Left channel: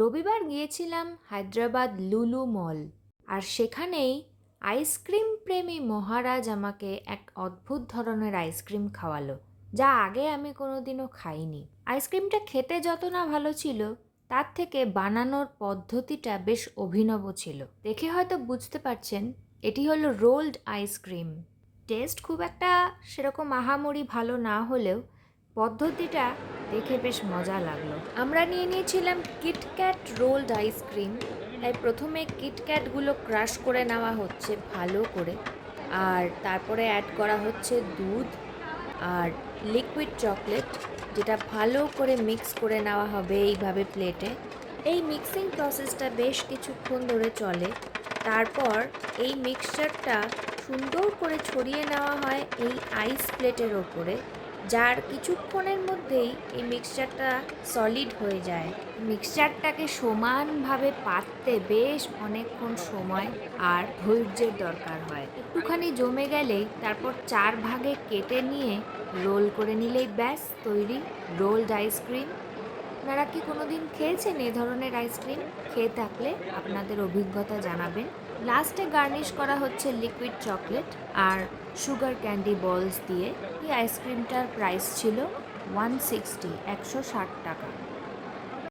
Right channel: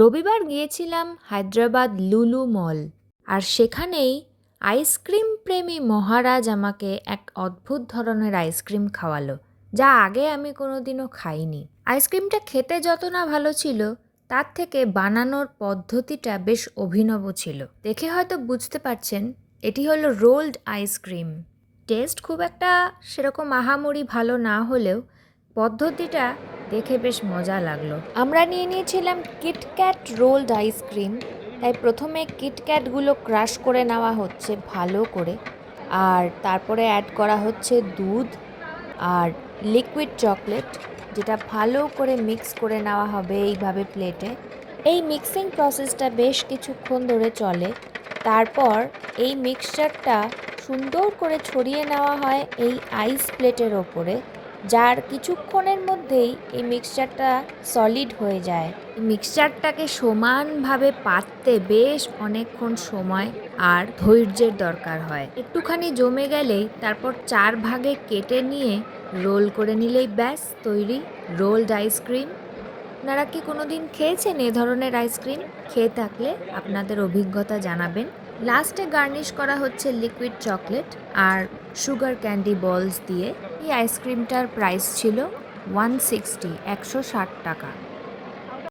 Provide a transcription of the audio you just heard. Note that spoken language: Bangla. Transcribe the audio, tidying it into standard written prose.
রবিবার গিয়েছিলাম হায়দ্রাবাদ লুলু মল। আর সেখানেই আইসক্রিম প্রেমী মহারাজ আমাকে এক অদ্ভুত ধরনের আইসক্রিম খাওয়ালো, যা আগে আমি কোনোদিনও খাইনি। আইসক্রিমটা খেতে যত না ভালো ছিল, তার থেকে বানানোর পদ্ধতিটা বেশ অভিনব ছিল। দেখে হয়তো বুঝতে পারছেন, এটি হলো রোলড আইসক্রিম। টেস্ট খুব একটা সেরকম আহামরি ভালো না হলেও পদ্ধতিটা দেখে বেশ মজা লাগলো। আমরা নিয়ে নিয়েছিলাম কিটক্যাট রোলড আইসক্রিম। তাই প্রথমে কিটক্যাটগুলো ক্রাশ করে নেওয়া হচ্ছে ভালো করে, আর তারপরে অ্যাড করা হচ্ছে দুধ আর লিকুইড চকলেট, যেটা ভালো করে মিক্স করে নেওয়া হবে এইভাবে প্লেটে। এই মিক্সিং প্রসেসটা বেশ কিছুক্ষণ ধরে চলে। তারপর এই মিক্সচারটা সুন্দর করে ছড়িয়ে নেওয়া হয় এই আইস প্লেটের ওপরে, যার কিছুক্ষণের মধ্যেই এই মিক্সচারটা সলিড হয়ে যায়। মিক্সচারটাকে সমানভাবে পাততে বেশ অনেকক্ষণ সময় আর ধৈর্যের দরকার হয়। একটুখানি জমে গেলেই তারপর 4 ভাগে কেটে নিয়ে রোল করে নিলেই ব্যাস তৈরি রোলড আইসক্রিম। আপনারা কি কোনোদিন খেয়েছেন এ ধরনের আইসক্রিম? খেয়ে থাকলে আপনাদের অভিজ্ঞতা জানাবেন। লাস্টে গার্নিশ করা হচ্ছে লিকুইড চকলেট আর সুগার ক্যান্ডি বলস দিয়ে। এই আইসক্রিমটার প্রাইস ছিল 160 টাকা।